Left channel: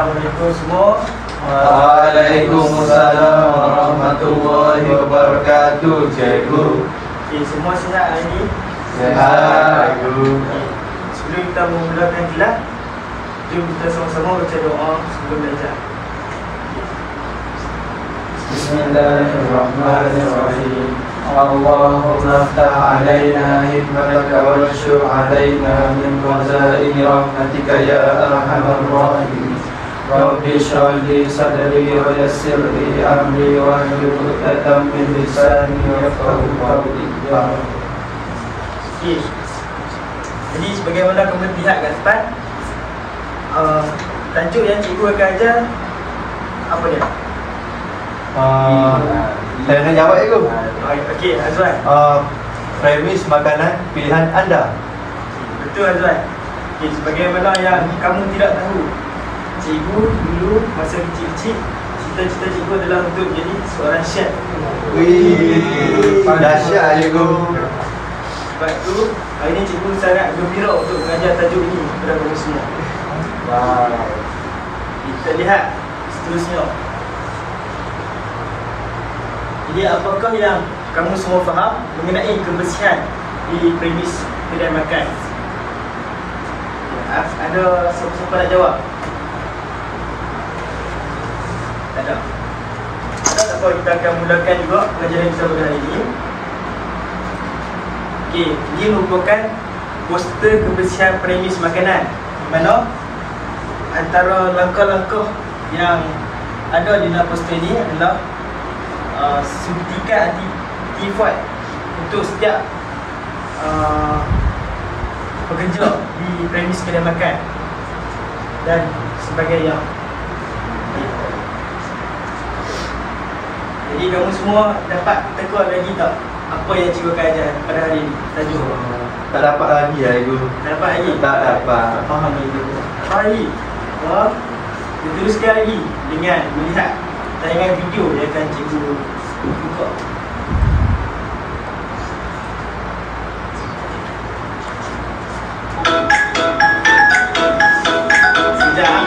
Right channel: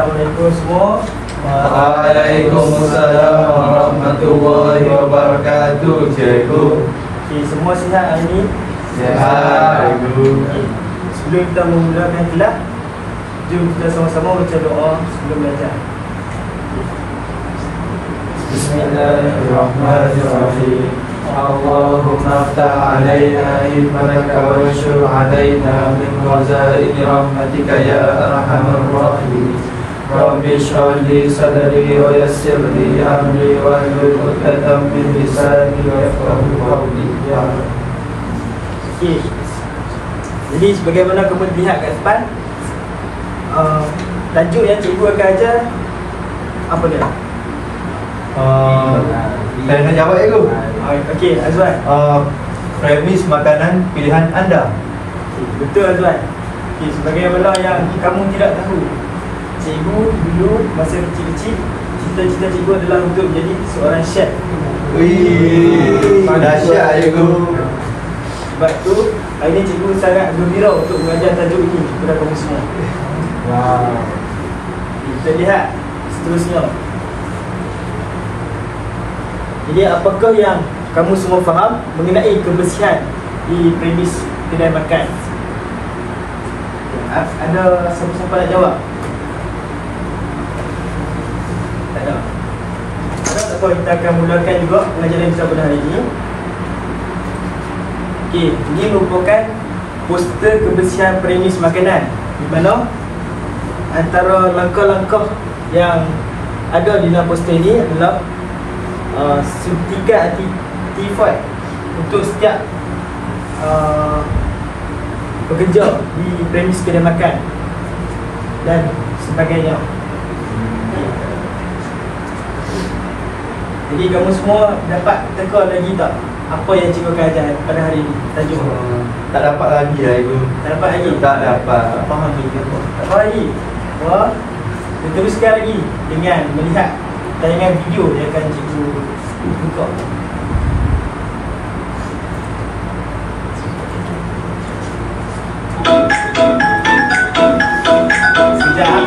Assalamualaikum semua. Waalaikumsalam warahmatullahi wabarakatuh, cikgu. Okay, semua sihat hari ini? Sihat, cikgu. Okay. Sebelum kita memulakan kelas, jom kita sama-sama baca doa sebelum belajar. Bismillahirrahmanirrahim. Allahumma aftah alaina hikmataka wanshur alaina min khazaini rahmatika ya arhamar rahimin. Rabbi shrah li sadri wa yassir li amri wa hlul 'uqdatam min lisani yafqahu qawli. Okay. Jadi sebagaimana kamu lihat kat depan, tajuk yang cikgu akan ajar apa dia? Saya nak jawab, cikgu. Okey, Azwan. Premis makanan pilihan anda. Betul, Azwan. Okay, sebagaimana yang kamu tidak tahu, cikgu dulu masa kecil-kecil, cita-cita cikgu adalah untuk menjadi seorang chef. Wih, dahsyat, cikgu. Sebab tu, hari ini cikgu sangat gembira untuk mengajar tajuk ini kepada kamu semua. Wow. Kita lihat seterusnya. Jadi apakah yang kamu semua faham mengenai kebersihan di premis kedai makan? Ada siapa-siapa nak jawab? Tak ada. Tak apa, kita akan mulakan juga pengajaran kita pada hari ini. Okey, ini merupakan poster kebersihan premis makanan, di mana antara langkah-langkah yang ada di dalam poster ini adalah suntikan anti-tifoid untuk setiap pekerja di premis kedai makan dan sebagainya. Jadi kamu semua dapat teka lagi tak apa yang cikgu akan ajar pada hari ini? Tajuk Tak dapat lagi, cikgu. tak dapat lagi? Tak dapat. Tak faham itu. Tak dapat lagi? Wah, kita teruskan lagi dengan melihat tayangan video yang akan cikgu buka. Sekejap.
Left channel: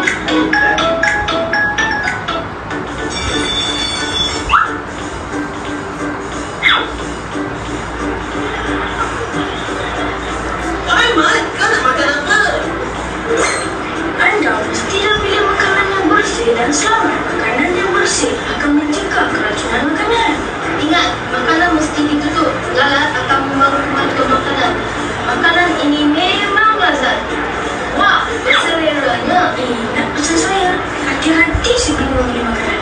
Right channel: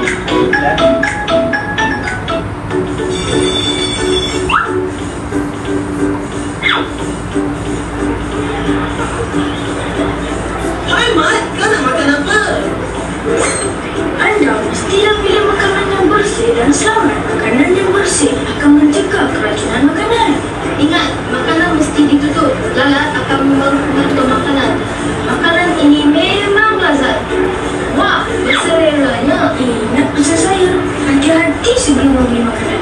Hai Mat, kau nak makan apa? Anda mestilah pilih makanan yang bersih dan selamat. Makanan yang bersih akan mencegah keracunan makanan. Ingat, makanan mesti ditutup. Lalat akan membawa kuman ke makanan. Makanan ini memang lazat. Wah, berselera-nya. Nak pesan saya. Hati-hati sebelum membeli makanan.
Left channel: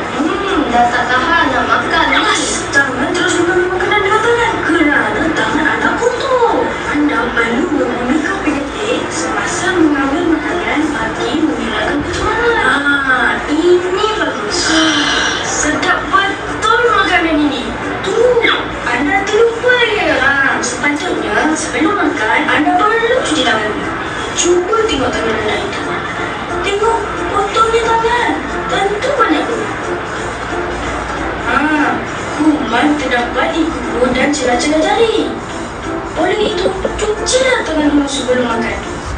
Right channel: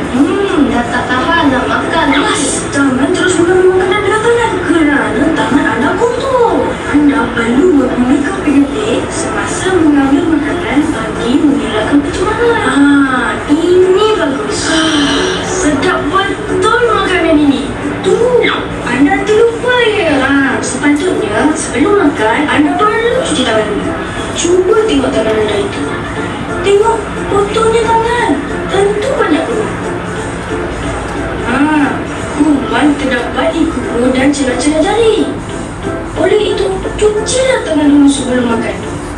Dah tak tahan nak makan. Mas, jangan terus membeli makanan dengan tangan. Kerana tangan anda kotor. Anda perlu memikau penyedik semasa mengambil makanan bagi mengelakkan pencemaran. Ini bagus. Sedap betul makanan ini. Tunggu, anda terlupa ya. Sepatutnya sebelum makan, anda perlu cuci tangan dulu. Cuba tengok tangan anda itu. Tengok kotornya tangan. Tentu banyak kuman. Kuman terdapat di kuku dan celah-celah jari. Oleh itu, cucilah tangan dulu sebelum makan.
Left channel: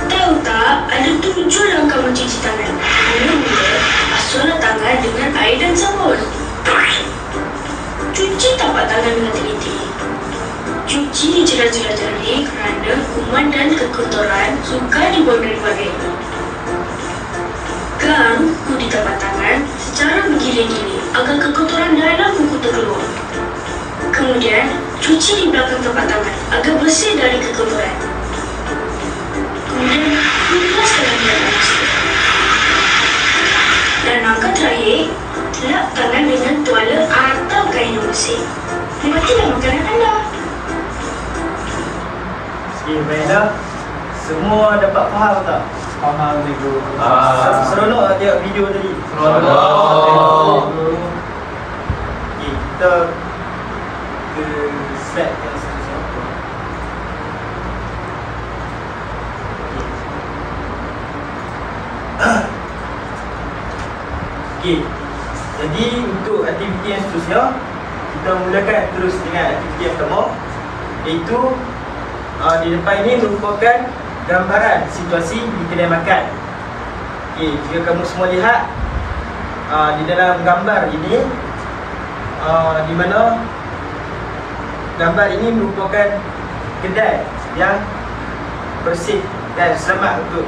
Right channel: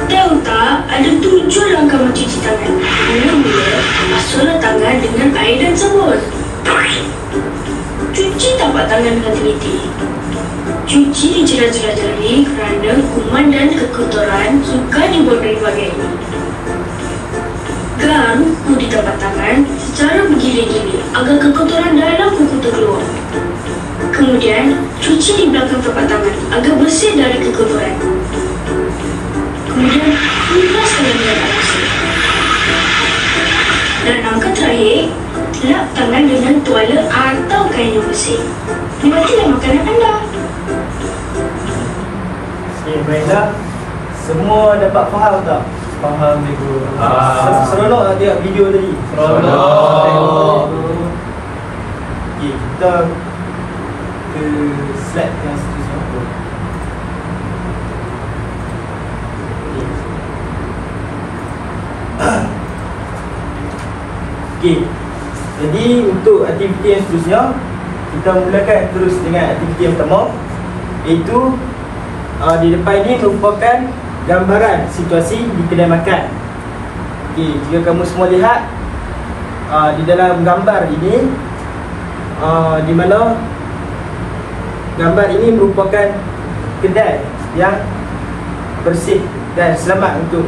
Tahu tak, ada 7 langkah mencuci tangan. Mula-mula, basuhlah tangan dengan air dan sabun. Cuci tapak tangan dengan teliti. Cuci di celah-celah jari kerana kuman dan kekotoran suka dibuang dari bahagian ini. Gang kuku di tapak tangan secara bergilir-gilir agar kekotoran dalam kuku terkeluar. Kemudian, cuci di belakang tapak tangan agar bersih dari kekotoran. Kemudian, bebaskan dengan air bersih. Dan langkah terakhir, lap tangan dengan tuala atau kain yang bersih. Nikmatilah makanan anda. Okey, baiklah. Semua dapat faham tak? Faham, cikgu. Seronok tak tengok video tadi? Seronok. Okey, kita ke slide yang seterusnya. Okey. Jadi untuk aktiviti yang seterusnya, kita mulakan terus dengan aktiviti yang pertama, iaitu di depan ini merupakan gambaran situasi di kedai makan. Okey, jika kamu semua lihat, di dalam gambar ini, di mana gambar ini merupakan kedai yang bersih dan selamat untuk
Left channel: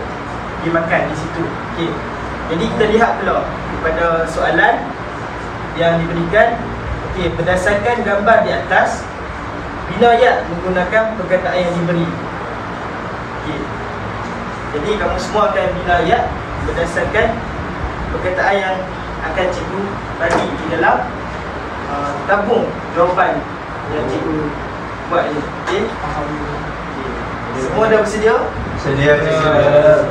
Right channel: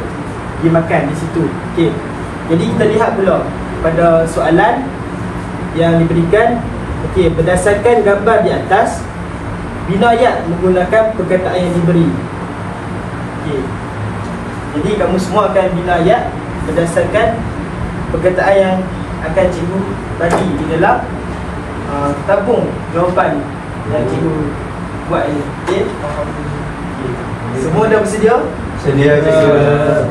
dimakan di situ. Okey. Jadi kita lihat pula pada soalan yang diberikan. Okey, berdasarkan gambar di atas, bina ayat menggunakan perkataan yang diberi. Okey. Jadi kamu semua akan bina ayat berdasarkan perkataan yang akan cikgu bagi di dalam tabung jawapan yang cikgu buat ni. Okey. Semua dah bersedia? Sedia cikgu.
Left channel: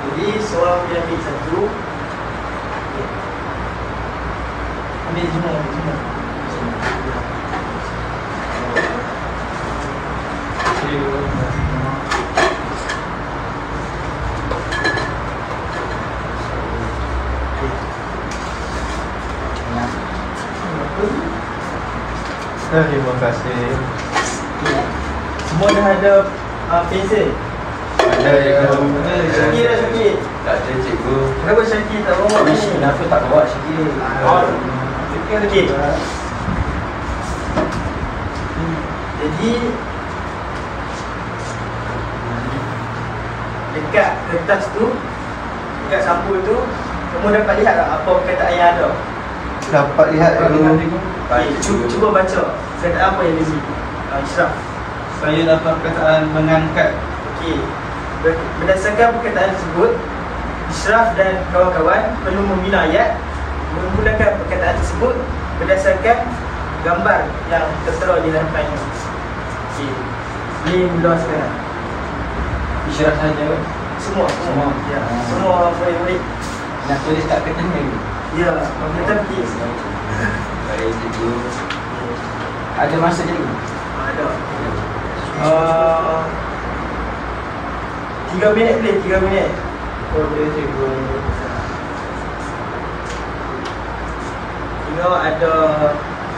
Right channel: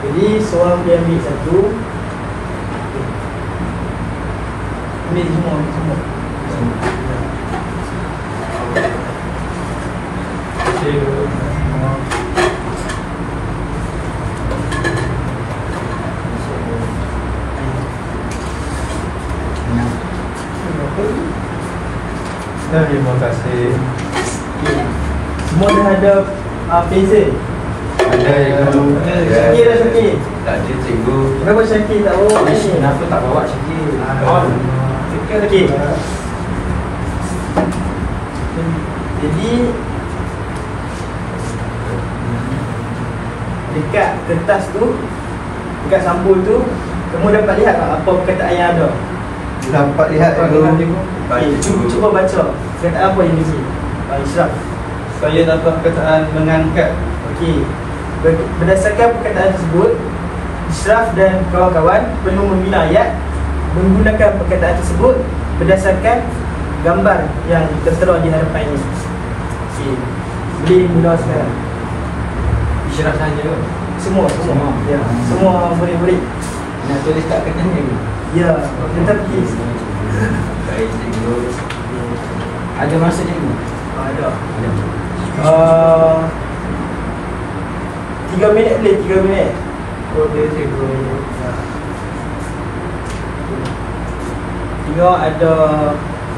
Jadi seorang boleh ambil satu. Ambil semua, Terima kasih. Semua dah ada pensel. Ada cikgu. Syakir dah Syakir. Tak ada cikgu. Kenapa Syakir tak bawa ni? Kenapa tak bawa Syakir? Okey. Jadi dekat kertas tu, dekat sampul tu, kamu dapat lihat tak apa perkataan yang ada? Dapat lihat cikgu. Okay, cuba baca perkataan apa yang di sini. Israf. Saya dapat perkataan mengangkat. Okey. Berdasarkan perkataan tersebut, Israf dan kawan-kawan perlu membina ayat menggunakan perkataan tersebut berdasarkan gambar yang tertera di hadapan ini. Okey. Boleh mula sekarang. Israf saja. Semua. Ya, semua boleh. Nak tulis kat kertas ni. Ya, tetapi Baik cikgu. Ada masa cikgu? ada. 3 minit boleh, 3 minit. Boleh cikgu. Tengok ada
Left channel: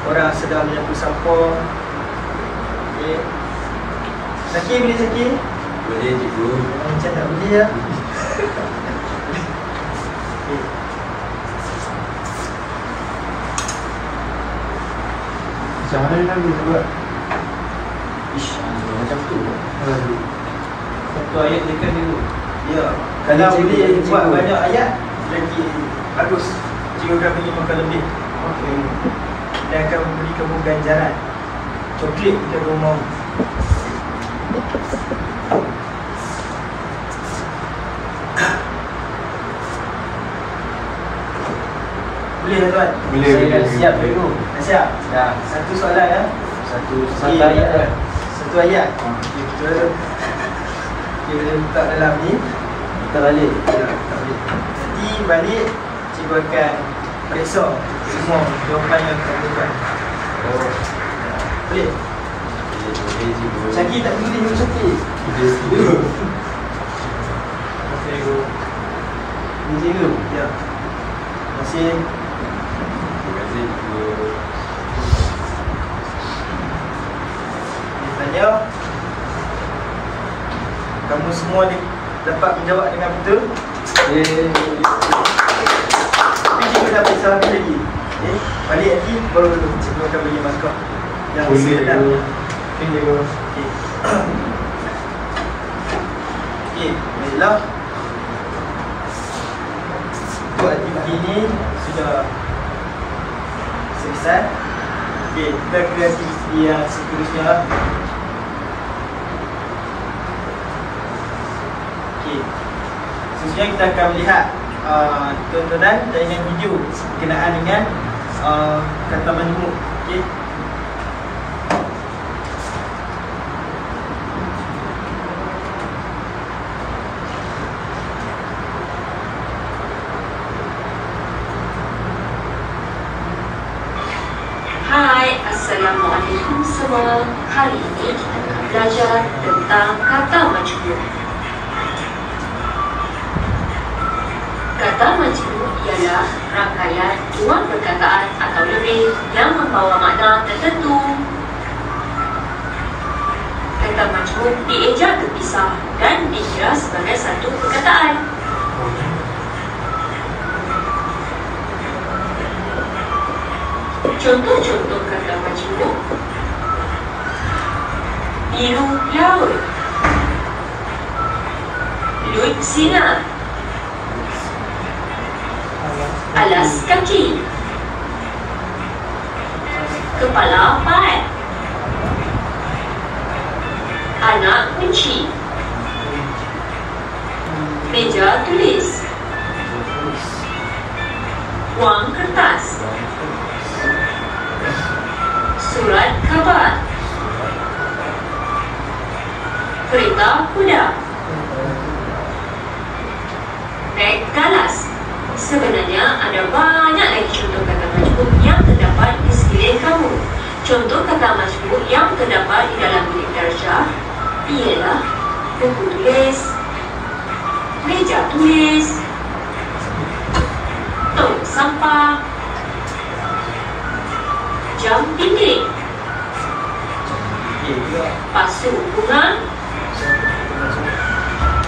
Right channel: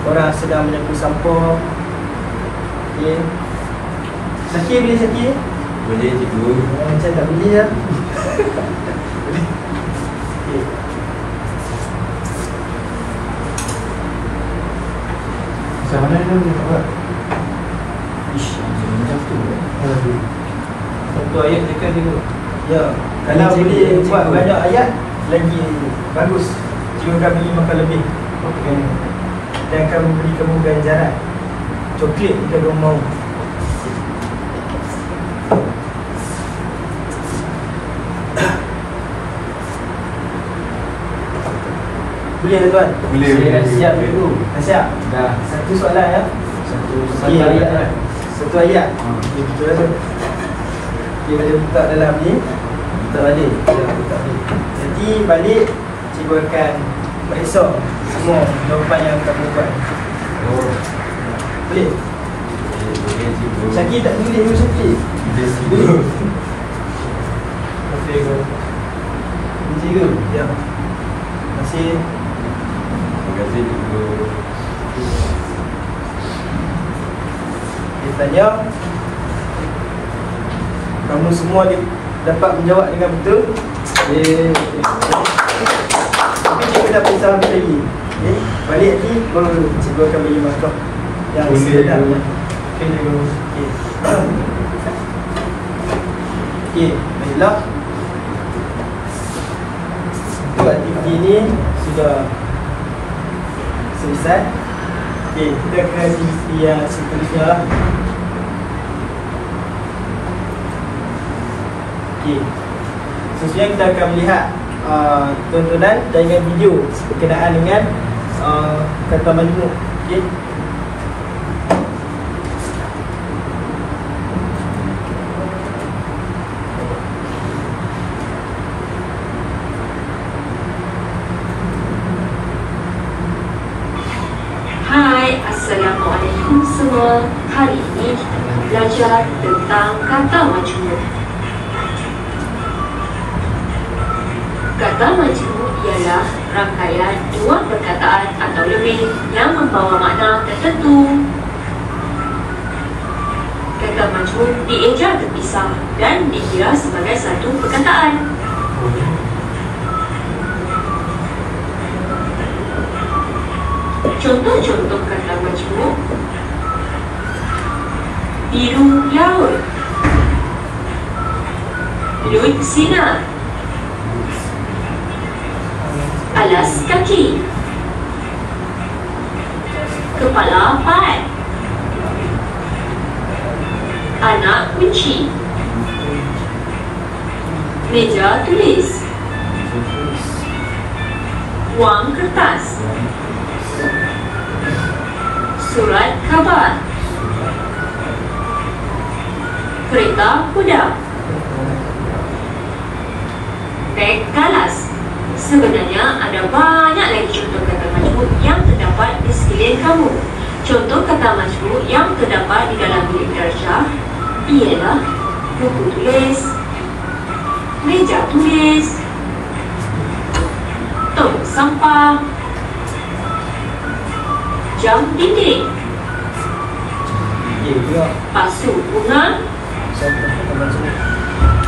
orang sedang menyapu sampah. Okey. Syakir boleh Syakir? Boleh cikgu. Macam tak boleh lah. Boleh. Okey. Macam mana dia ni tak buat? Ish, macam tu. Satu ayat tekan cikgu. Ya, kalau boleh buat banyak ayat lagi bagus. Cikgu akan bagi makan lebih. Okey. Dan akan memberi kamu ganjaran coklat jika kamu mau. Boleh tuan? Boleh. Saya dah siap dulu. Dah siap? Dah. Satu soalan ya? Satu Okey. ayat kan? Satu ayat. Okey, betul lah. Dia boleh buka dalam ni. Buka balik. Buka balik. Nanti balik cikgu akan periksa semua jawapan yang kamu buat. Oh. Boleh? Boleh cikgu. Syakir tak boleh dengan Syakir. Boleh cikgu. Cikgu. Ini cikgu? Ya. Terima kasih. Terima kasih cikgu. Dia tanya, kamu semua dapat menjawab dengan betul. Tapi cikgu dah periksa habis lagi. Okay. Balik lagi baru cikgu akan bagi markah yang sebenarnya. Cikgu. Okey. Okey, baiklah. Untuk aktiviti ini sudah selesai. Okey, kita ke aktiviti yang seterusnya lah. Okey. Seterusnya kita akan melihat tontonan dan video berkenaan dengan kata majmuk. Okey. Hai, Assalamualaikum semua. Hari ini kita akan belajar tentang kata majmuk. Kata majmuk ialah rangkaian dua perkataan atau lebih yang membawa makna tertentu. Kata majmuk dieja terpisah dan dikira sebagai satu perkataan. Contoh-contoh kata majmuk: biru laut, lut sinar, alas kaki, kepala pahat, anak kunci, meja tulis, wang kertas, surat khabar, kereta kuda, beg galas. Sebenarnya ada banyak lagi contoh kata majmuk yang terdapat di sekeliling kamu. Contoh kata majmuk yang terdapat di dalam bilik darjah ialah buku tulis, meja tulis, tong sampah, jam dinding, pasu bunga,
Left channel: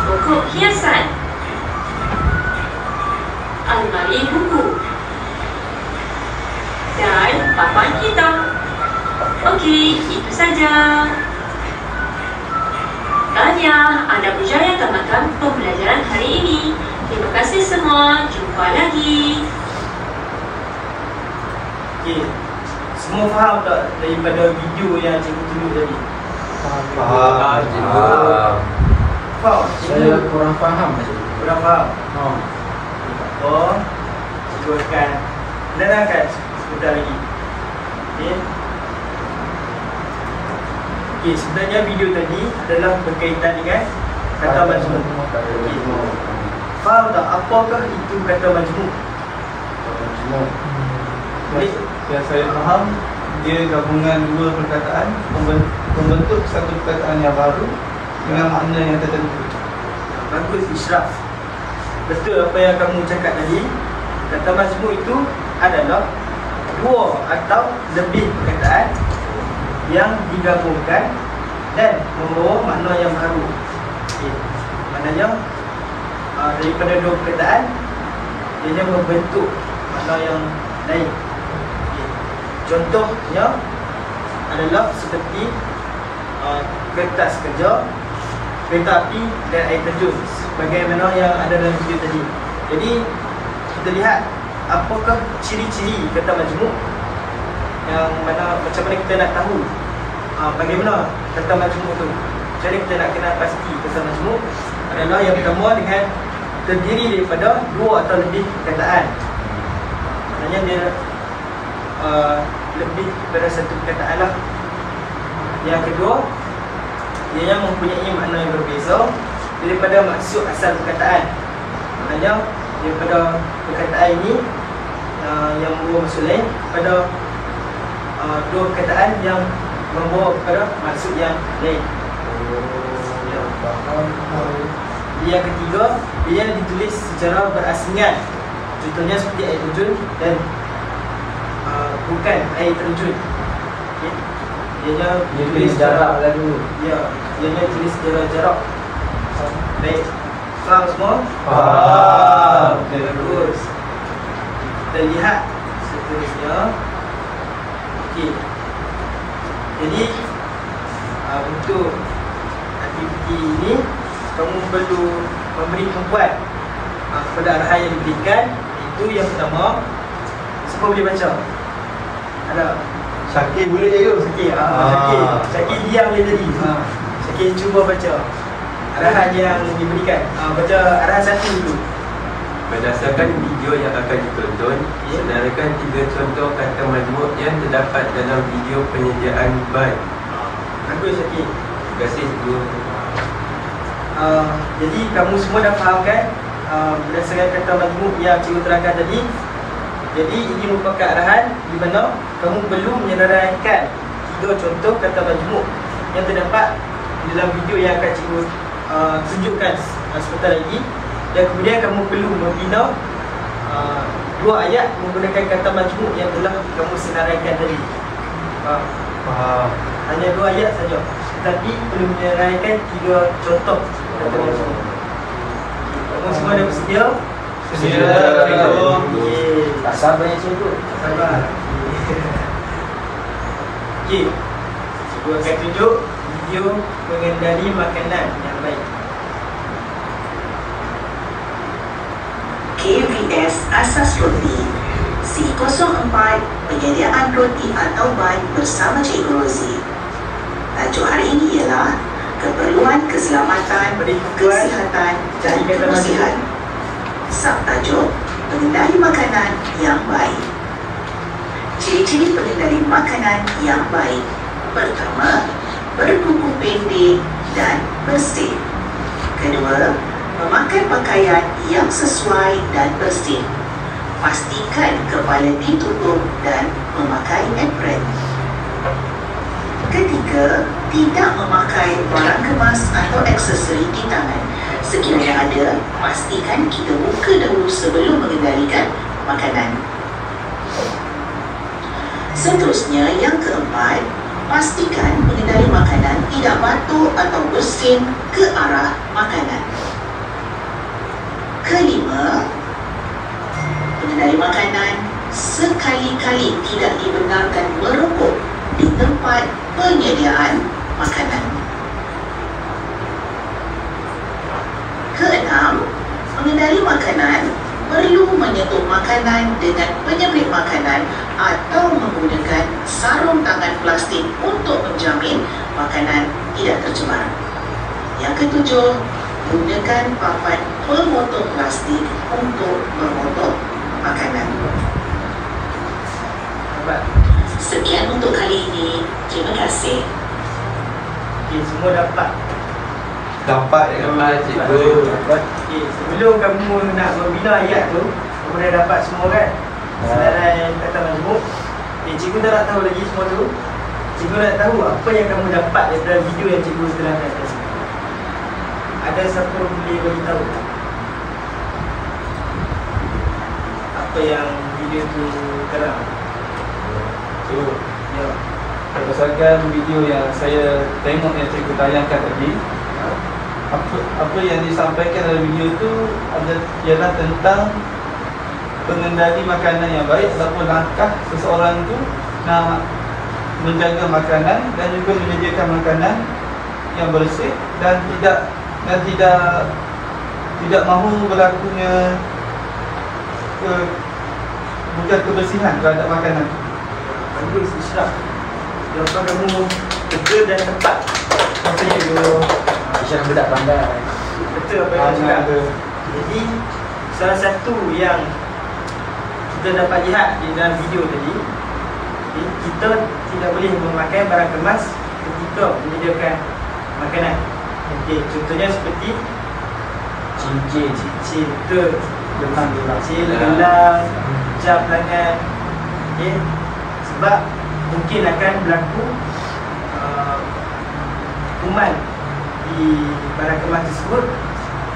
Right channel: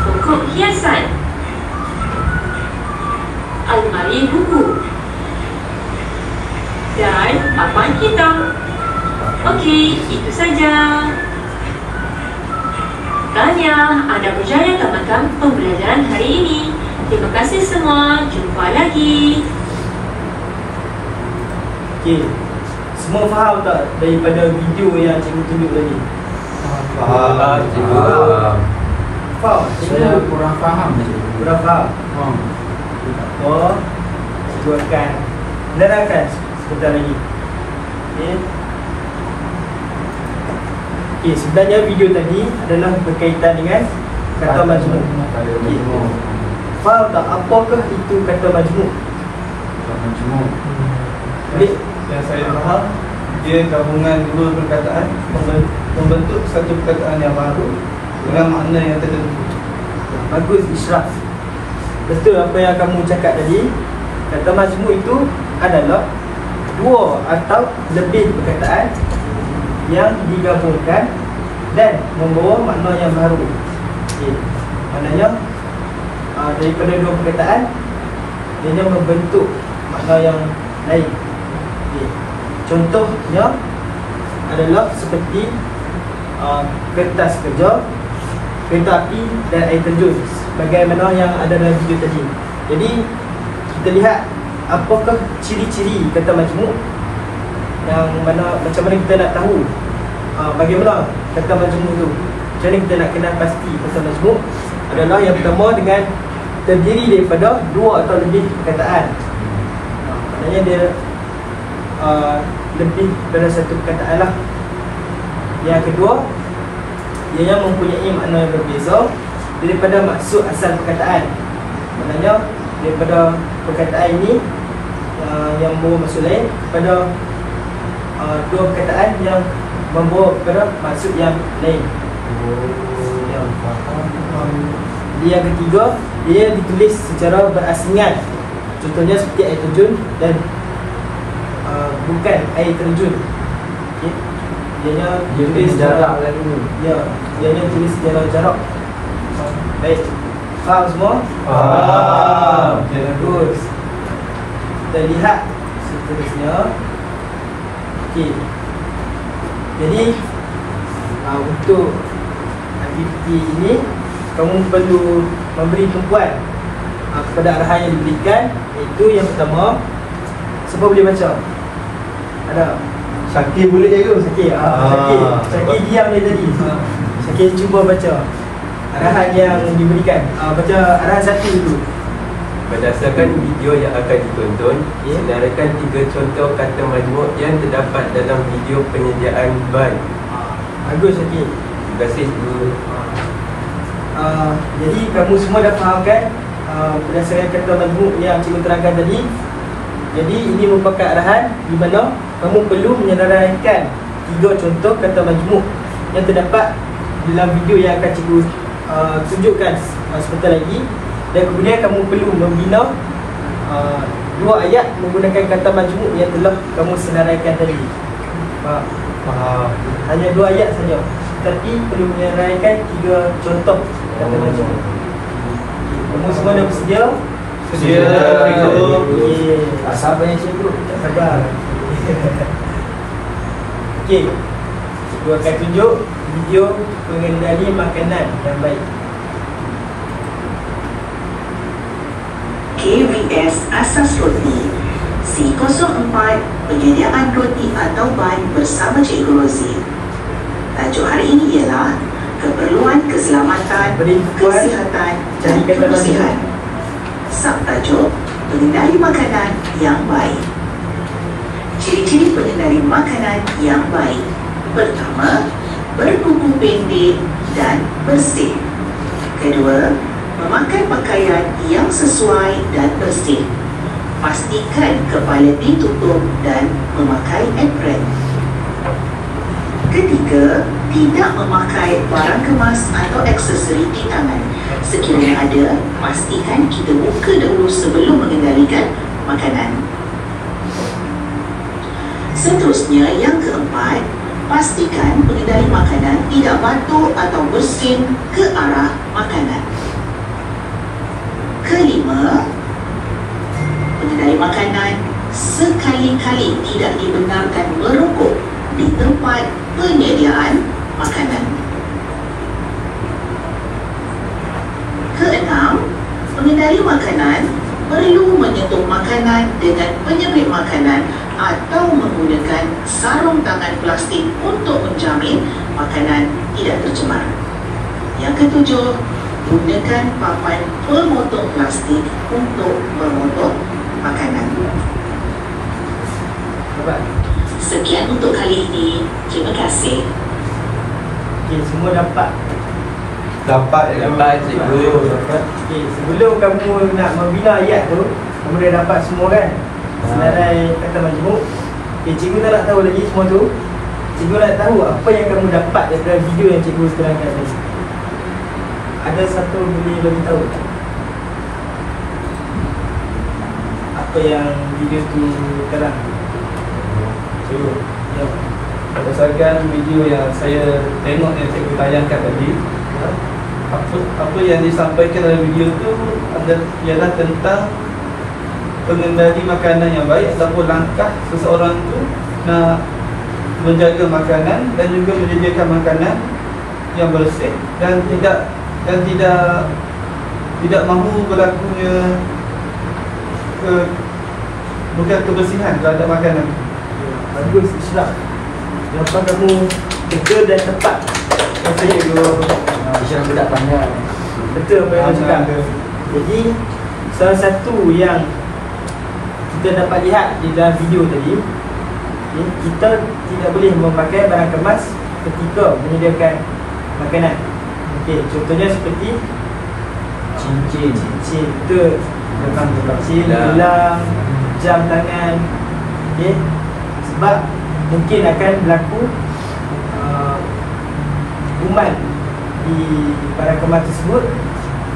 pokok hiasan, almari buku, dan papan hitam. Okey, itu saja. Tahniah, anda berjaya tamatkan pembelajaran hari ini. Terima kasih semua. Jumpa lagi. Okey. Semua faham tak daripada video yang cikgu tunjuk tadi? Faham, cikgu. Faham? Saya kurang faham, cikgu. Kurang faham? Oh, cikgu akan menerangkan sebentar lagi. Okey. Okey, sebenarnya video tadi adalah berkaitan dengan kata majmuk. Okey. Faham tak apakah itu kata majmuk? Majmuk. Yang saya faham, dia gabungan dua perkataan membentuk satu perkataan yang baru dengan makna yang tertentu. Bagus, Ishraf. Betul apa yang kamu cakap tadi. Kata majmuk itu adalah dua atau lebih perkataan yang digabungkan dan membawa makna yang baru. Okay. Maknanya daripada dua perkataan dia membentuk makna yang lain. Okay. Contohnya adalah seperti kertas kerja, kereta api dan air terjun, bagaimana yang ada dalam video tadi. Jadi kita lihat apakah ciri-ciri kata majmuk, yang mana macam mana kita nak tahu bagaimana kata majmuk tu. Macam mana kita nak kenal pasti kata majmuk adalah yang pertama dengan terdiri daripada dua atau lebih perkataan. Maknanya dia lebih daripada satu perkataan lah. Yang kedua, dia mempunyai makna yang berbeza daripada maksud asal perkataan. Maknanya daripada perkataan ini yang membawa maksud lain pada dua perkataan yang membawa kepada maksud yang lain. Yang ketiga, dia ditulis secara berasingan. Contohnya seperti air terjun dan bukan air terjun. Okay. Dia tulis jarak lalu. Ya, dia tulis secara jarak. Baik. Faham semua? Faham. Bagus. Kita lihat seterusnya. Okey. Jadi untuk aktiviti ini kamu perlu memberi tumpuan kepada arahan yang diberikan, iaitu yang pertama, siapa boleh baca? Ada? Syakir boleh je Yus. Syakir, Syakir diam lagi tadi. Syakir cuba baca arahan yang diberikan. Baca arahan satu dulu. Berdasarkan video yang akan ditonton, senaraikan 3 contoh kata majmuk yang terdapat dalam video penyediaan ban. Bagus Syakir. Terima kasih cikgu. Jadi kamu semua dah faham kan berdasarkan kata majmuk yang cikgu terangkan tadi. Jadi ini merupakan arahan di mana kamu perlu menyenaraikan 3 contoh kata majmuk yang terdapat dalam video yang akan cikgu tunjukkan sebentar lagi. Dan kemudian kamu perlu membina 2 ayat menggunakan kata majmuk yang telah kamu senaraikan tadi. Hanya 2 ayat saja, tapi perlu menyenaraikan 3 contoh kata majmuk. Kamu semua dah bersedia? Sedia. Okey. Sabar yang cikgu. Sabar. Okey, cikgu akan tunjuk video mengenali makanan yang baik. KVS Asas Roti C04 Penyediaan roti atau ban bersama Cikgu Rozi. Tajuk hari ini ialah Keperluan Keselamatan, Kesihatan dan Kebersihan. Subtajuk Mengenali Makanan yang Baik. Ciri-ciri pengendali makanan yang baik. Pertama, berkuku pendek dan bersih. Kedua, memakai pakaian yang sesuai dan bersih. Pastikan kepala ditutup dan memakai apron. Ketiga, tidak memakai barang kemas atau aksesori di tangan. Sekiranya ada, pastikan kita buka dahulu sebelum mengendalikan makanan. Seterusnya, yang keempat, pastikan pengendali makanan tidak batuk atau bersin ke arah makanan. Kelima, pengendali makanan sekali-kali tidak dibenarkan merokok di tempat penyediaan makanan. Keenam, pengendali makanan perlu menyentuh makanan dengan penyepit makanan atau menggunakan sarung tangan plastik untuk menjamin makanan tidak tercemar. Yang ketujuh, gunakan papan pemotong plastik untuk memotong makanan. Sekian untuk kali ini. Terima kasih. Okey, semua dapat. Dapat cikgu. Dapat. Okey, sebelum kamu nak membina ayat tu, kamu dah dapat semua kan? Senarai kata majmuk. Okey, cikgu tak nak tahu lagi semua tu. Cikgu nak tahu apa yang kamu dapat daripada video yang cikgu seterangkan tadi. Ada siapa boleh beritahu apa yang video tu terang? Cikgu, Ya. berdasarkan video yang saya tengok yang cikgu tayangkan tadi, apa yang disampaikan dalam video tu ialah tentang pengendali makanan yang baik ataupun langkah seseorang tu nak menjaga makanan dan juga menyediakan makanan yang bersih dan tidak mahu berlakunya bukan kebersihan terhadap makanan. Bagus, Islam. Kenapa kamu betul dan tepat? Saya juga Isyarat budak pandai. betul apa yang kamu cakap. Jadi salah satu yang kita dapat lihat di dalam video tadi, okay, kita tidak boleh memakai barang kemas ketika menyediakan makanan. Okey, contohnya seperti cincin, betul. Cincin, gelang, jam tangan. Okey, sebab mungkin akan berlaku kuman di barang kemas tersebut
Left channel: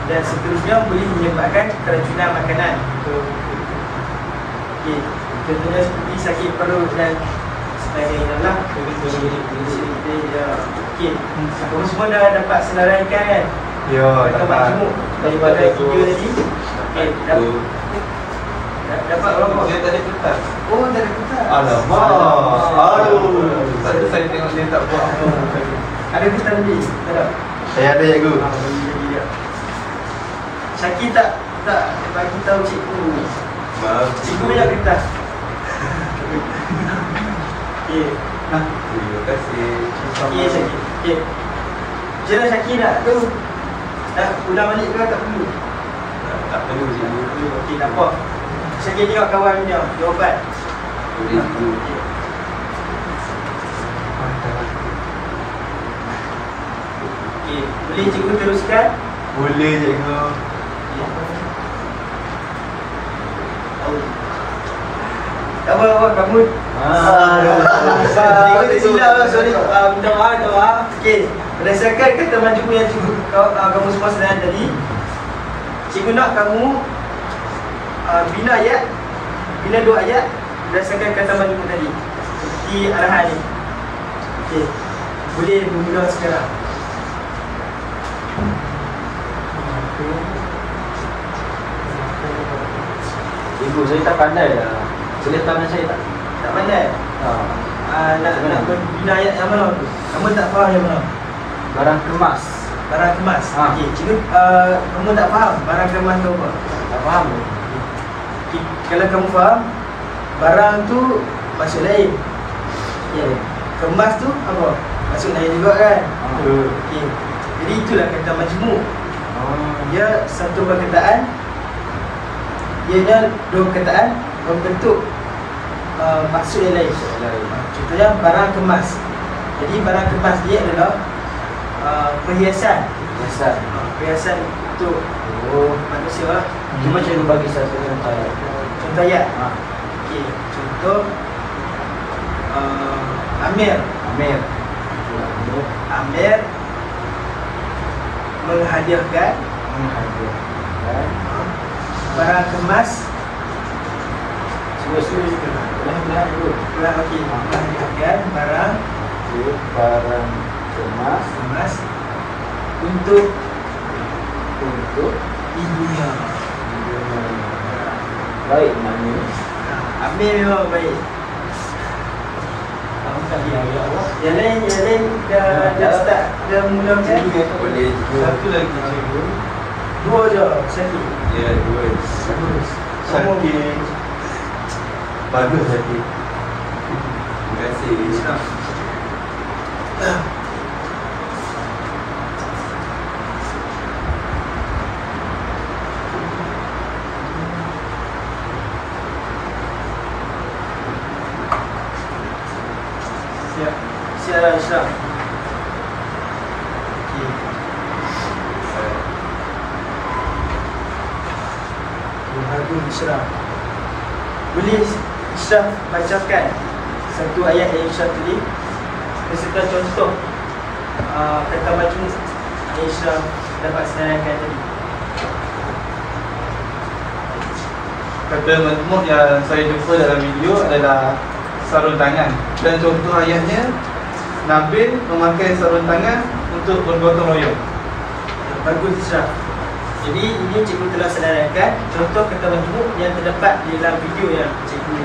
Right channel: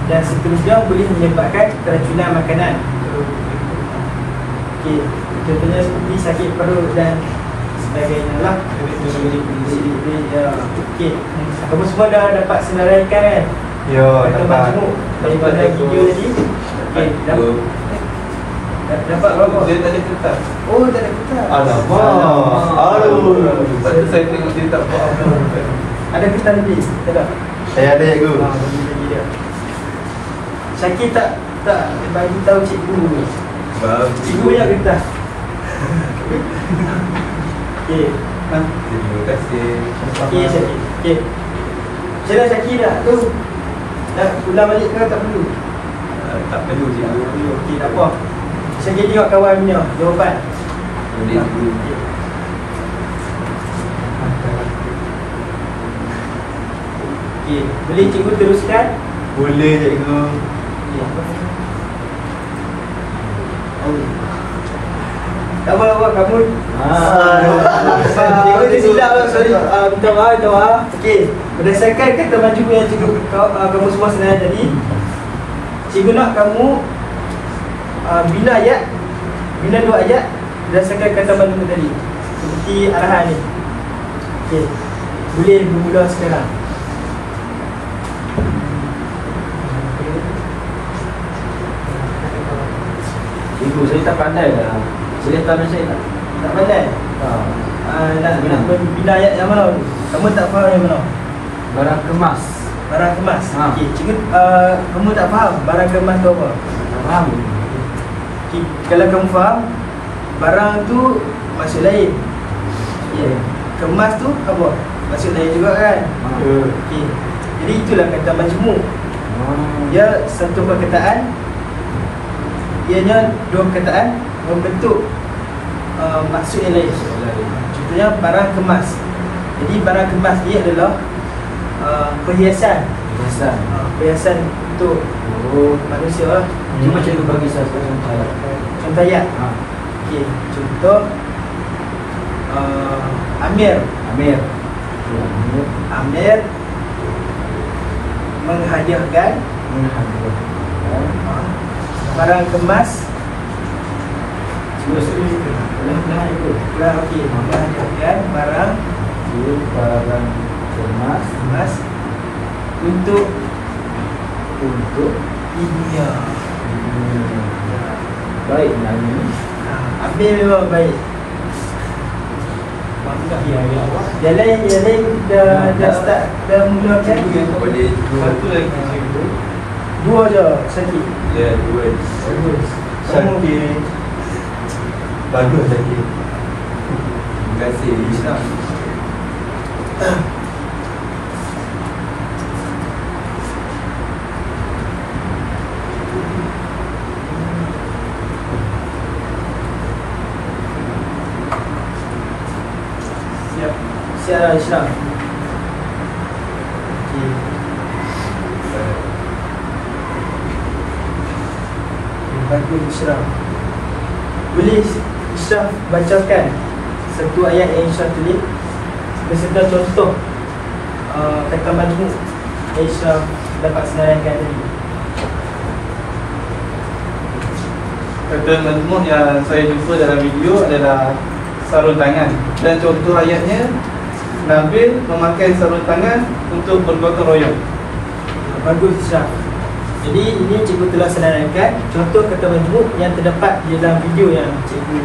dan seterusnya boleh menyebabkan keracunan makanan. Okey, contohnya seperti sakit perut dan sebagainya lah. Okey, kamu semua dah dapat senaraikan kan? Ya, dapat daripada video tadi. Okey, dapat berapa? Dia tak ada kertas. Oh, tak ada kertas. Alamak. Aduh. Saya tengok dia tak buat apa. Ada kertas lebih? Tak ada? Saya ada cikgu. Bagi dia. Syakir tak bagi tahu cikgu. Cikgu yang kertas. Okey. Terima kasih. Okey, Syakir. Okey. Macam mana Syakir nak tu? Nak ulang balik ke tak perlu? Tak perlu cikgu. Okey, tak apa. Syakir tengok kawan punya jawapan. Boleh cikgu. Okey, boleh cikgu teruskan? Boleh cikgu. Tak apa, kamu cikgu tersilap lah, sorry. Minta maaf. Okey, berdasarkan kata majmuk yang cikgu kamu semua senang tadi, cikgu nak kamu bina ayat, bina dua ayat berdasarkan kata majmuk tadi. Seperti arahan ni. Okey, boleh bermula sekarang. Cikgu, saya tak pandai lah. Boleh tangan saya tak? Tak pandai? Nak bina ayat yang mana tu? Kamu tak faham yang mana? Barang kemas. Barang kemas. Ha. Okey, cikgu kamu tak faham barang kemas tu apa? Tak faham. Okay. Kalau kamu faham, barang tu maksud lain. Okey. Kemas tu apa? Maksud lain juga kan? Okey. Jadi itulah kata majmuk. Dia satu perkataan, ianya dua perkataan membentuk maksud yang lain. Contohnya barang kemas. Jadi barang kemas dia adalah perhiasan. Perhiasan untuk manusia lah. Cuba cikgu bagi saya contoh. Contoh ayat. Okey, contoh Amir menghadiahkan barang kemas. Okey, menghadiahkan barang kemas untuk ibunya. Baik nama ni. Amir memang baik. Yang lain dah start, dah mula kan? Boleh juga. Satu lagi cikgu. Dua je, sakit. Ya, dua. Bagus. Sakit. Bagus sakit. Terima kasih. Siap lah Islam. Okey. Bagus Islam. Boleh Islam bacakan satu ayat yang Islam tulis beserta contoh kata majmuk yang Islam dapat senaraikan tadi. Kata majmuk yang saya jumpa dalam video adalah sarung tangan. Dan contoh ayatnya, Nabil memakai sarung tangan untuk bergotong royong. Bagus Islam. Jadi ini cikgu telah senaraikan contoh kata majmuk yang terdapat di dalam video yang cikgu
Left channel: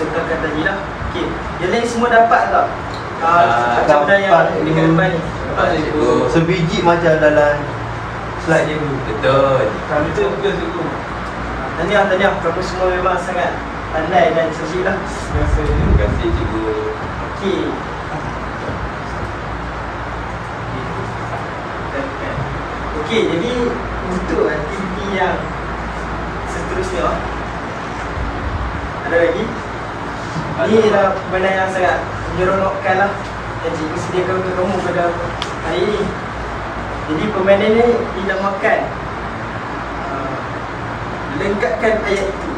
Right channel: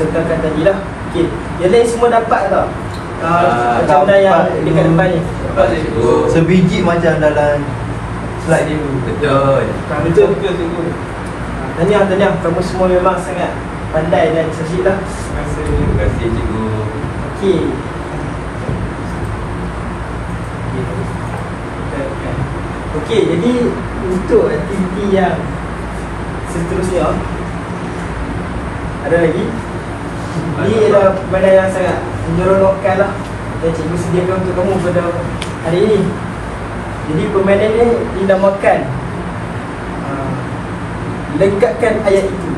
sertakan tadi lah. Okey, yang lain semua dapat tak? Macam mana yang dekat depan ni? Sebiji macam dalam slide dia dulu. Betul. Betul ke cikgu? Tahniah, kamu semua memang sangat pandai dan cerdik lah. Terima kasih cikgu. Okey. Okey, jadi untuk aktiviti yang seterusnya ada lagi. Ini adalah permainan yang sangat menyeronokkan lah yang cikgu sediakan untuk kamu pada hari ini. Jadi permainan ini dinamakan lekatkan ayat itu.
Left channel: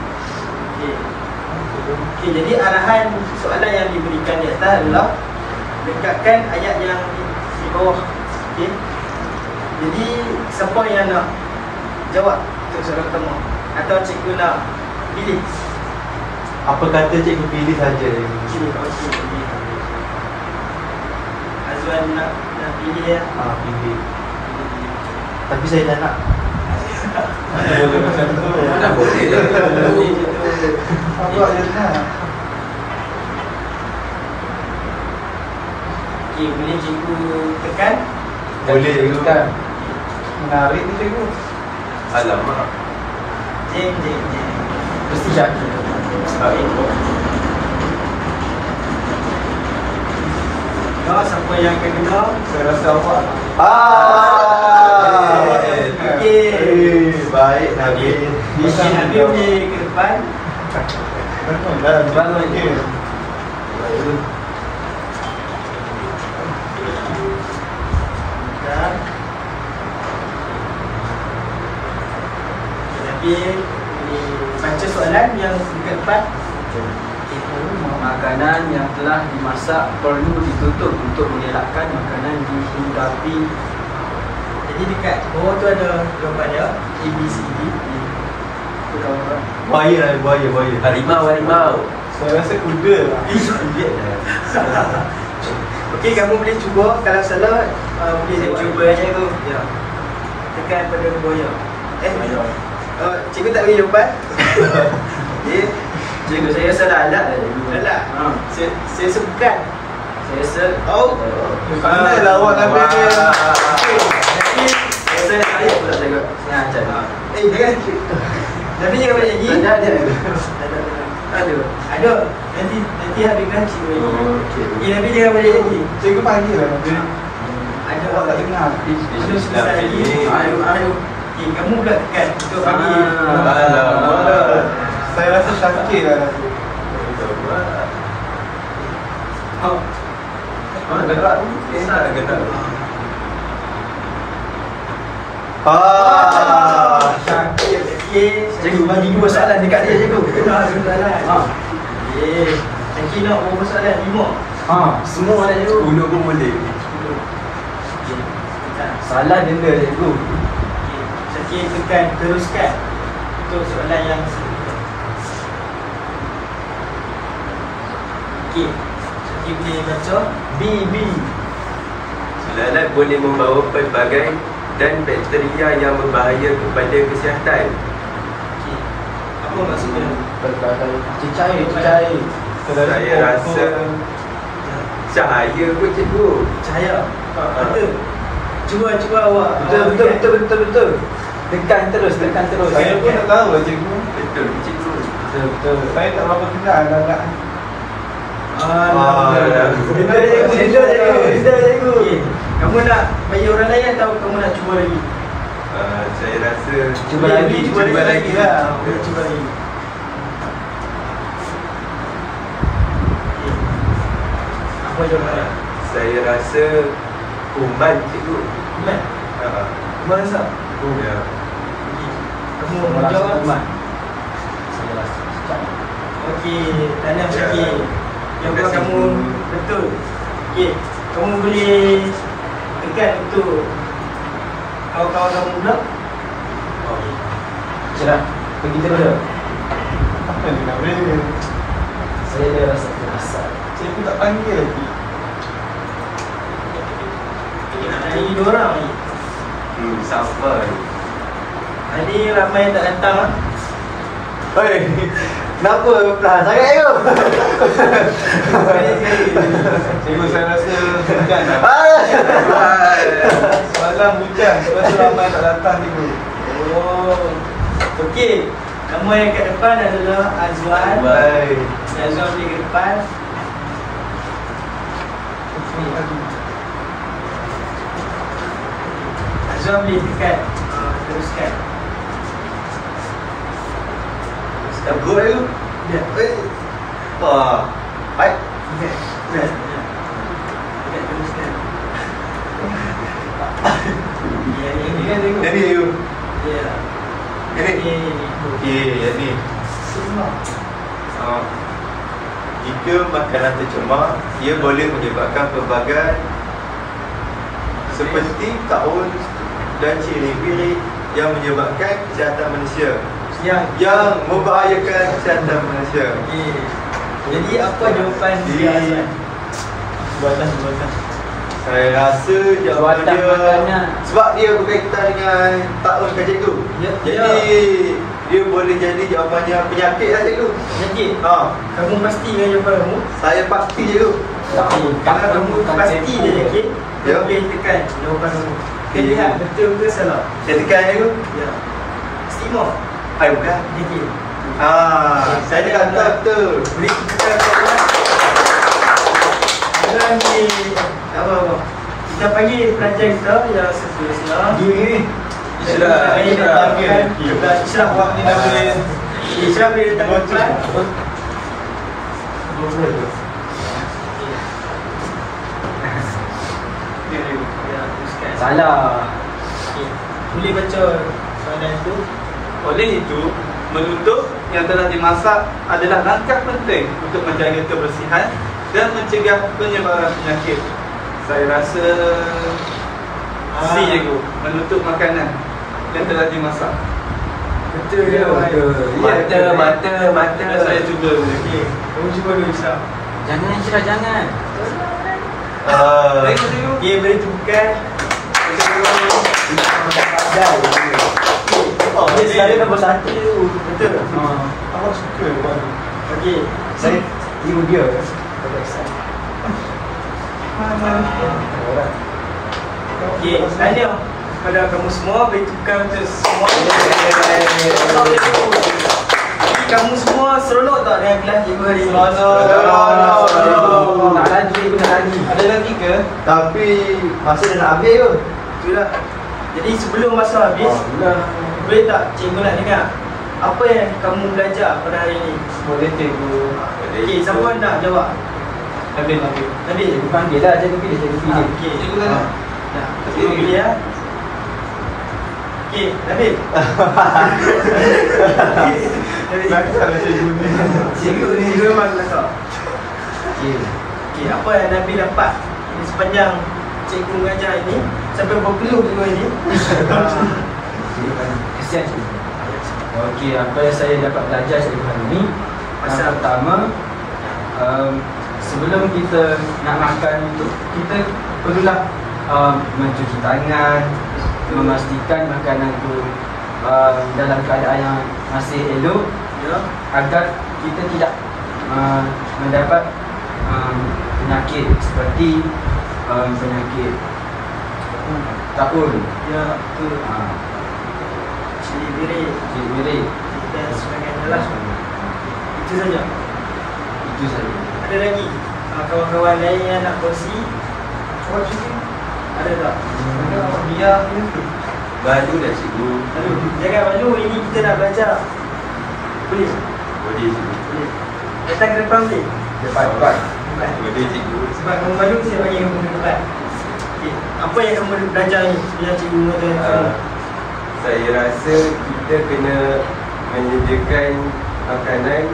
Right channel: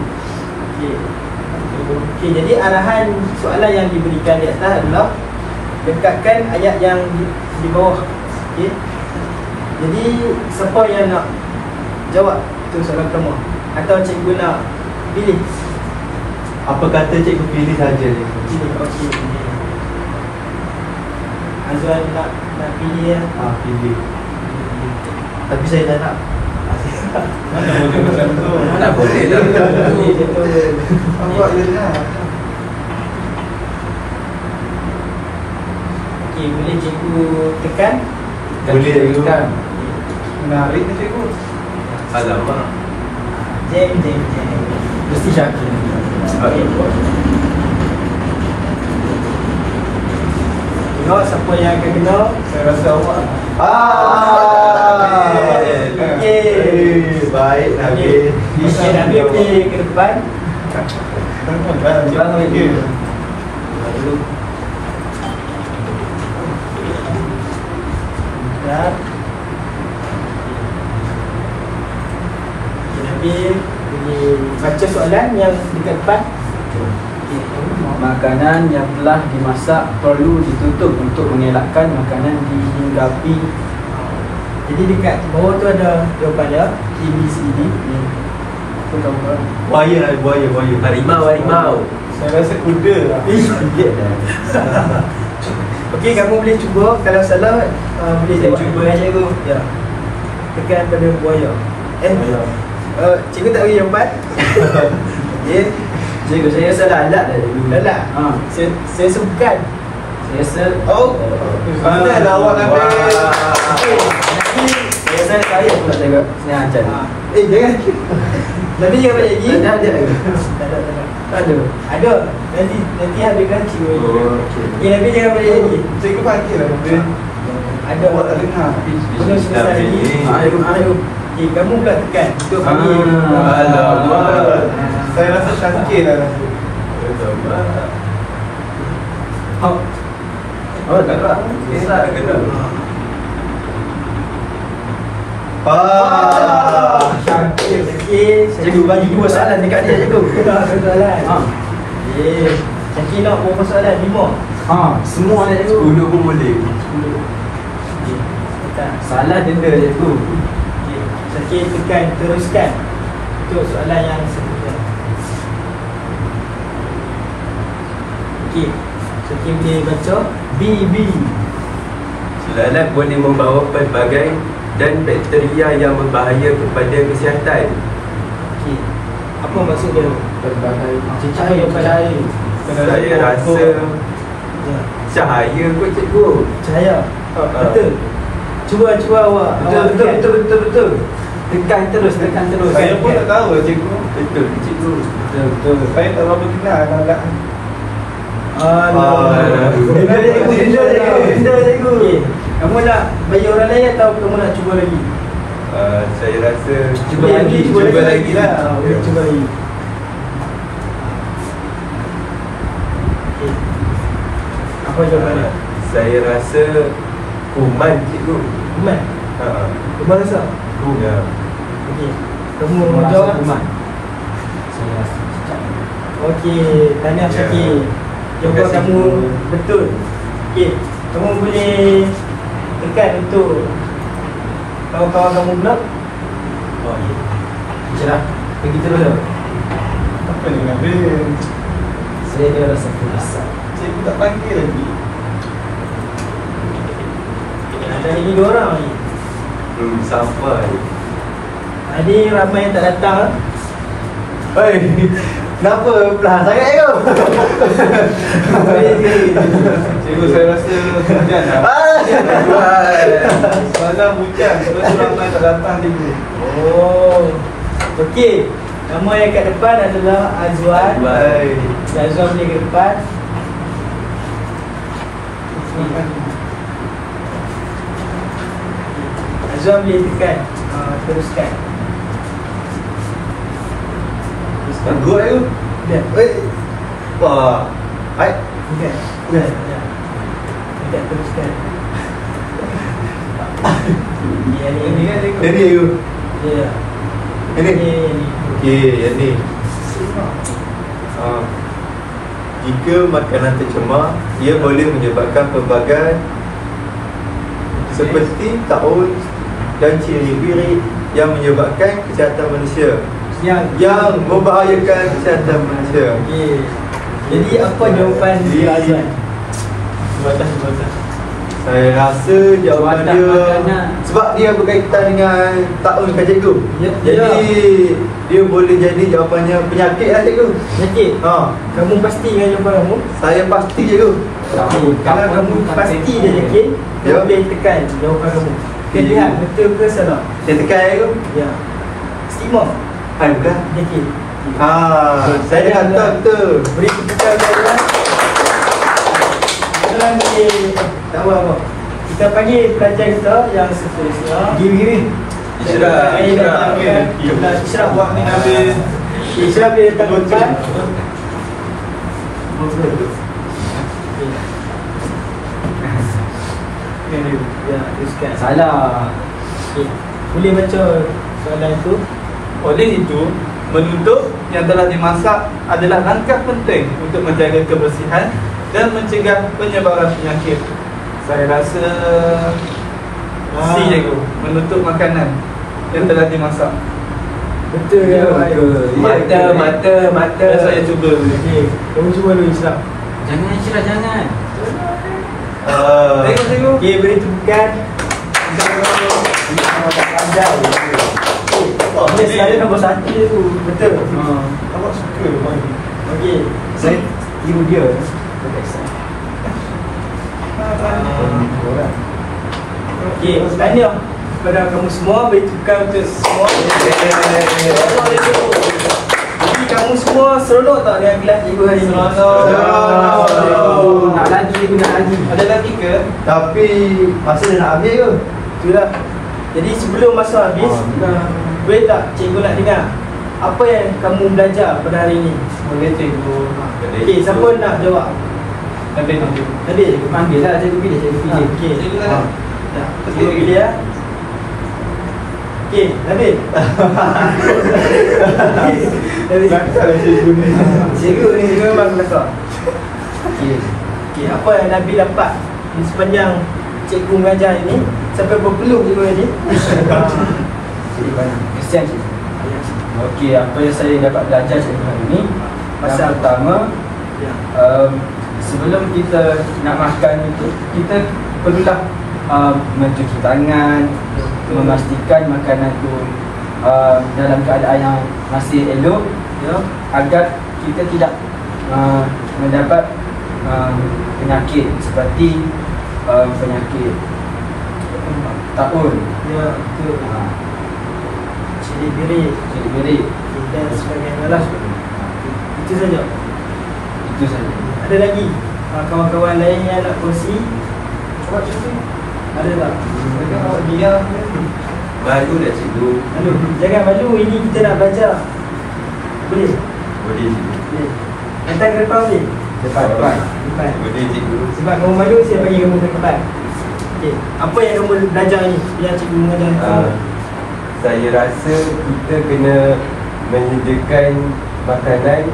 Okey, jadi arahan soalan yang diberikan di atas adalah lekatkan ayat yang di bawah. Okey. Jadi siapa yang nak jawab tu soalan pertama? Atau cikgu nak pilih? Apa kata cikgu pilih saja ni? Cikgu okey pilih. Azwan nak pilih ya? Pilih. Tapi saya tak nak. Boleh macam tu. Tak boleh lah. Nampak je lah. Okey, boleh cikgu tekan? Boleh cikgu kan? Menarik ni cikgu. Alamak. Jeng. Mesti yakin. Tengok siapa yang akan kena. Saya rasa awak lah. Okey. Baik Nabil. Okey, Nabil boleh ke depan. Depan lagi. Dan Nabil boleh baca soalan yang dekat depan. Makanan yang telah dimasak perlu ditutup untuk mengelakkan makanan dihinggapi. Jadi dekat bawah tu ada jawapannya A, B, C, D. Tu kawan. Buaya. Harimau. Saya rasa kuda lah. Okey, kamu boleh cuba. Kalau salah boleh jawab. Cuba aja tu. Ya. Tekan pada buaya. Cikgu tak bagi jawapan. Okey. Cikgu, saya rasa lalat dah cikgu. Lalat. Ha. Saya rasa bukan. Saya rasa Mana lah awak kata. saya pula cakap. Saya ajar. Jangan. Tapi jangan balik lagi. Ada. Ada. Nanti habiskan cikgu. Oh, okey. Tapi jangan balik lagi. Cikgu panggil lah benda. Ada. Awak tak dengar. Belum selesai lagi. Ayo. Kamu pula tekan untuk bagi. Alah, saya rasa cantik lah. Oh, dekat. Cantik. Okey. Cikgu bagi 2 soalan dekat dia cikgu. Soalan. Ha. Okey. Cikgu nak berapa soalan? 5. Ha, semua ada cikgu. 10 pun boleh. Salah denda cikgu. Okey, tekan teruskan untuk soalan yang seterusnya. Okey. Okey, boleh baca B. Lalat boleh membawa pelbagai dan bakteria yang berbahaya kepada kesihatan. Okey. Apa maksud dia? Berbagai cahaya. Saya rasa cahaya kot cikgu. Cahaya. Betul. Cuba awak. Betul. Tekan terus. Saya pun tak tahu cikgu. Betul cikgu. Betul. Saya tak berapa kenal lalat. Benda cikgu. Kamu nak bagi orang lain atau kamu nak cuba lagi? Saya rasa Cuba lagi lah. Boleh cuba lagi. Apa jawapan? Saya rasa kuman cikgu. Kuman. Kuman rasa? Ya. Okey. Kamu mau jawab? Kuman. Okey, tanya Ya. sikit. Jawapan Terima kasih, kamu Guru. betul. Okey, kamu boleh tekan untuk kawan-kawan kamu pula. Cerah. Pergi terus. Apa yang nak bela? Saya ada rasa penasaran. Cikgu tak panggil lagi. Dan ini 2 orang ni. Sama ni. Ada ramai yang tak datang. Hei, kenapa pelan sangat tu? Cikgu, saya rasa hujan lah. Soalan hujan, sebab tu ramai tak datang cikgu. Oh. Okey. Kamu yang kat depan adalah Azwan. Baik. Azwan punya kat depan. Azwan boleh tekan. Teruskan. Dah berut tu. Dah. Wah. Hai. Tekan. Dah. Tekan teruskan. Ini kan cikgu. Jadi you. Ya. Ini. Okey, yang ni. Jika makanan tercemar, ia boleh menyebabkan pelbagai seperti taun dan ciri-ciri yang menyebabkan kesihatan manusia, yang membahayakan kesihatan manusia. Okey. Jadi apa jawapan Azwan? Jawatan. Saya rasa jawapan Jawatan dia makanan. sebab dia berkaitan dengan taun kan cikgu. Ya, Jadi dia boleh jadi jawapannya penyakit lah cikgu. Okey. Kamu pastikan jawapan kamu? Saya pasti cikgu. Kalau kamu pasti dia yakin, Ya. boleh tekan jawapan kamu. Kita Ya. lihat betul ke salah. Saya tekan cikgu. Ya. Stima. Ayo dah. Yakin. Saya tekan betul. Beri tepukan kawan. Sekarang ni tak apa. Kita panggil pelajar kita yang seterusnya. Isyrah. Isyrah. Awak ni dah habis. Isyrah boleh datang ke depan. Ya, teruskan. Salah. Okey. Boleh baca soalan itu? Oleh itu, menutup yang telah dimasak adalah langkah penting untuk menjaga kebersihan dan mencegah penyebaran penyakit. Saya rasa C cikgu, menutup makanan yang telah dimasak. Betul ya. Mata. Dan saya cuba dulu. Okey, kamu cuba dulu Islam. Jangan Cerah, jangan. Tengok cikgu. Okey, beri tepukan. Pandai. Okey, dia saya nombor 1 tu. Betul. Awak suka bang. Okey. Saya ibu dia. Okey, tanya kepada kamu semua, bertukar untuk semua. Jadi kamu semua seronok tak dengan kelas cikgu hari ini? Nak lagi, cikgu nak lagi. Ada lagi ke? Tapi masa dah nak habis ke? Itulah. Jadi sebelum masa habis, boleh tak cikgu nak dengar apa yang kamu belajar pada hari ini? Boleh cikgu. Okey, siapa nak jawab? Nabil. Nabil. Panggil lah, cikgu pilih, cikgu pilih. Okey. Cikgu kan? Ya, cikgu pilih ya. Okey, Nabil. Nabil. Kalau cikgu ni. Cikgu ni memang kelakar. Okey. Okey, apa yang Nabil dapat di sepanjang cikgu mengajar ini sampai berpeluh cikgu ini? Kesian cikgu. Okey, apa yang saya dapat belajar cikgu hari ini, pasal pertama, sebelum kita nak makan itu, kita perlulah mencuci tangan, memastikan makanan itu dalam keadaan yang masih elok, ya, agar kita tidak mendapat penyakit seperti penyakit taun, Ya, betul. Cili birik dan sebagainya lah. Itu saja. itu saja. Ada lagi kawan-kawan lain yang nak kongsi? Ada tak? Dia Malu dah cikgu. Malu. Jangan malu, ini kita nak belajar. Boleh? Boleh cikgu. Boleh. Datang ke depan boleh? Depan. Depan. Boleh cikgu. Sebab kamu malu, saya bagi kamu ke depan. Okey. Apa yang kamu belajar ni? Yang cikgu mengajar kamu? Saya rasa kita kena menyediakan makanan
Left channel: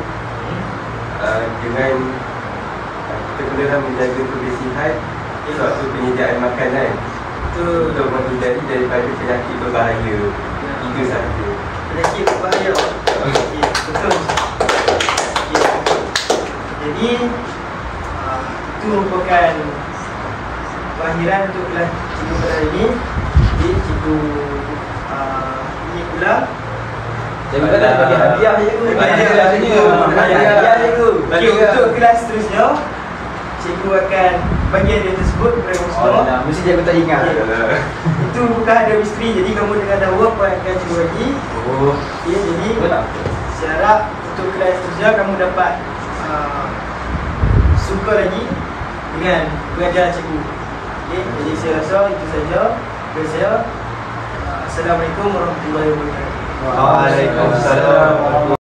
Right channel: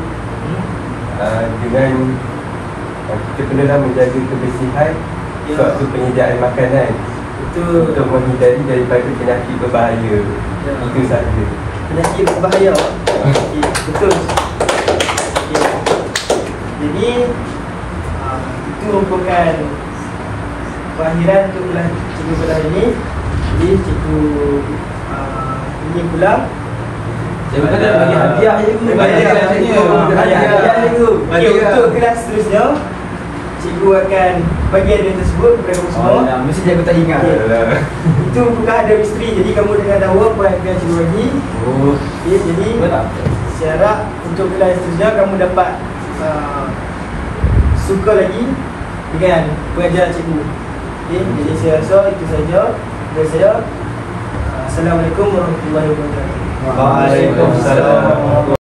dengan kita perlulah menjaga kebersihan suatu penyediaan makanan untuk menghindari daripada penyakit berbahaya. Itu saja. Penyakit berbahaya. Okey, betul. Okey. Jadi itu merupakan pengakhiran untuk kelas cikgu pada hari ini. Jadi cikgu ini pula Cikgu kena bagi hadiah cikgu. Hadiah cikgu. Okey, untuk kelas seterusnya cikgu akan bagi hadiah tersebut kepada kamu semua. Mesti cikgu tak ingat. Itu bukan hadiah misteri, jadi kamu dengar tahu apa yang akan cikgu bagi. Okey, jadi saya harap untuk kelas seterusnya kamu dapat suka lagi dengan pengajaran cikgu. Okey, jadi saya rasa itu saja dari saya. Assalamualaikum warahmatullahi wabarakatuh. Waalaikumsalam.